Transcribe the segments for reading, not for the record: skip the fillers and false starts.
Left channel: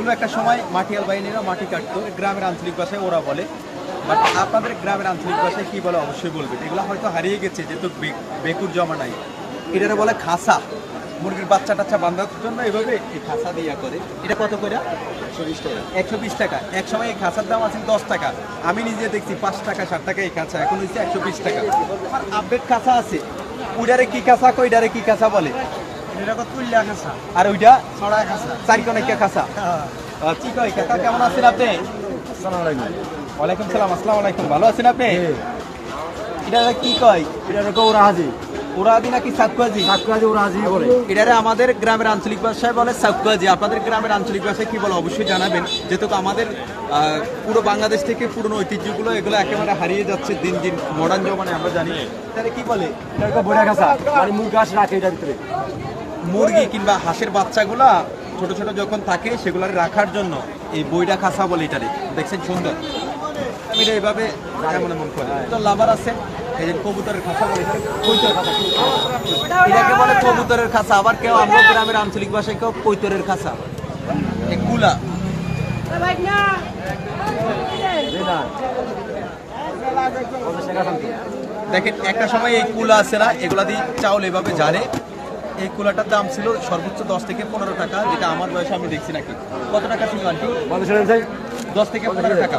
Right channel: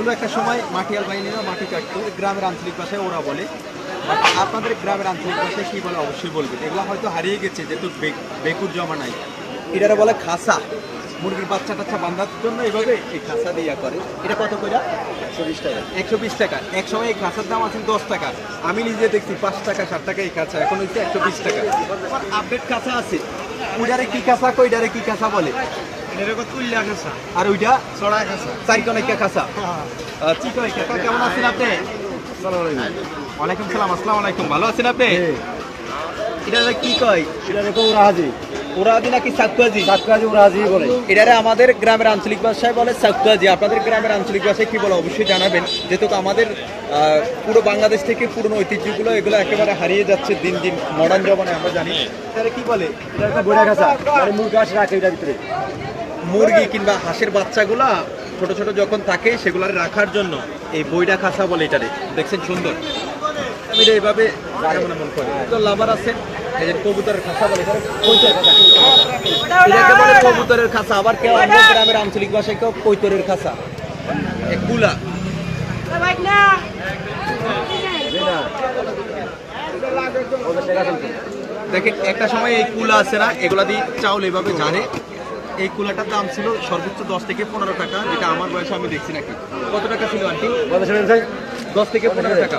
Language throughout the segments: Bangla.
এগুলো একটা সময় মাটিয়াল বাহিনীরা মাটি কাটতো, গ্রামের আঞ্চলিক ভাষায় ওরা বলে। আপনাদের গ্রামের আঞ্চলিক ভাষায় কী বলে অবশ্যই বলবেন। এগুলো হয়তো হারিয়ে গেছে, যেহেতু বেকুর জমা নাই। এটারে বলে খাসা। মুরগির বাচ্চা টাচ্চা বাঁধার জন্য এভাবে এই খাসা দিয়া করে। এটা কত করে? 120 টাকা। 120 টাকা। এক সময় এই খাসার দাম আছে 10 টাকা। আমি নিজে দেখছি 5 টাকা 7 টাকা এই খাঁচা, এখন হচ্ছে 120 টাকা। আপডেট খাঁচা আছে। ওইটারে কি খাঁচা কই, এটারে কি খাঁচা বলে? আর ওইটা চারিকোনাইকা খাঁচা। ঠিক হয় কাকা, কেমন আছেন আপনি? ওয়ালাইকুম সালাম। আসসালামু আলাইকুম। ভালো আছেন আপনি? এটা কি কয়? এটা দেখো ওরাহাজি। ওরাহাজি নাকি সাকুয়াজি? সাকুয়াজি ওরাহাজি বলে। এটারে আমাদের গ্রামের আঞ্চলিক ভাষায় বলে সাকুয়াজি। আপনাদের গ্রামের আঞ্চলিক ভাষায় কি বলে অবশ্যই জানাবেন, যেহেতু আমাদের পুরো বাংলাদেশ থেকে পুরনো ঐতিহ্যগুলো এগুলো একেবারে হারিয়ে যাচ্ছে দিন দিন মডার্ন জমানায়। আমরা জানি তাহলে কি বলে? এটা বড়া খাসা আর মুরগি আছে রাখে এটার ভিতরে। মুরগি কিংবা হাঁসের বাচ্চাগুলা ছোট ছোট যখন থাকে সেগুলার রাখার জন্য এই বইটা খাসা বলে। এটারে দেখছেন সুন্দর, এটা এইভাবে মনে মন করে। তো লাভার আছে এই যে কবুতরের খাঁচা বলে, এটাকে বলে কবুতরের খাঁচা। আবার কেউ আমাদের গ্রামের আঞ্চলিক ভাষায় কেউ কৈতরের খাঁচা। কুলা দেখেন, একটা সময় এই কুলা আছে না, এগুলা দিয়ে চাউল এভাবে জারে। এই কুলাটার দাম ছিল সর্বোচ্চ 10 থেকে 15 টাকা, যেটা আমার বয়সে আমি দেখছি নাকি। কত টাকা ছিল আন্টি? 10 থেকে 15 টাকা।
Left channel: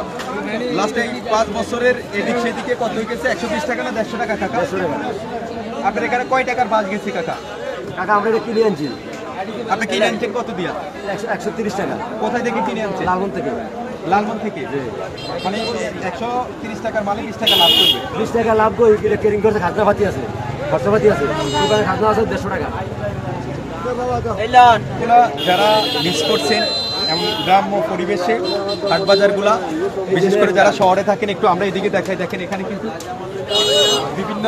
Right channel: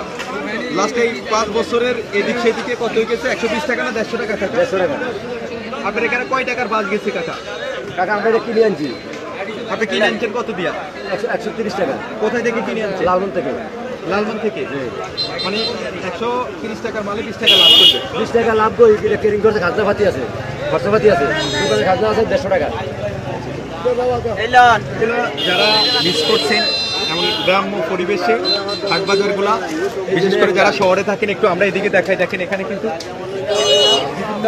লাস্ট এই 5 বছরের এদিক সেদিকে কত হয়ে গেছে? 120 টাকা না 150 টাকা? 150 টাকা। আপনার এখানে কয় টাকার বাস গেছে কাকা? কাকা আমরা এটা কিনে আনছি। আপনি কিনে আনছেন কত দিয়া? 130 টাকা। কোথায় থেকে কিনে আনছেন? লালমন থেকে। লালমন থেকে। মানে 130 টাকার মালে 20 টাকা লাভ করবে। 20 টাকা লাভ করে কেরিং করতে খাজনা পাতি আছে, খরচাপাতি আছে। দোকানে খাজনা আছে 150 টাকা। যারা মিস করছেন এমন গ্রাম্য পরিবেশে হাটবাজারগুলা, বিশেষ করে যারা শহরে থাকেন, একটু আমরা এদিকে দেখাই। দেখেন এখানে কিন্তু বিভিন্ন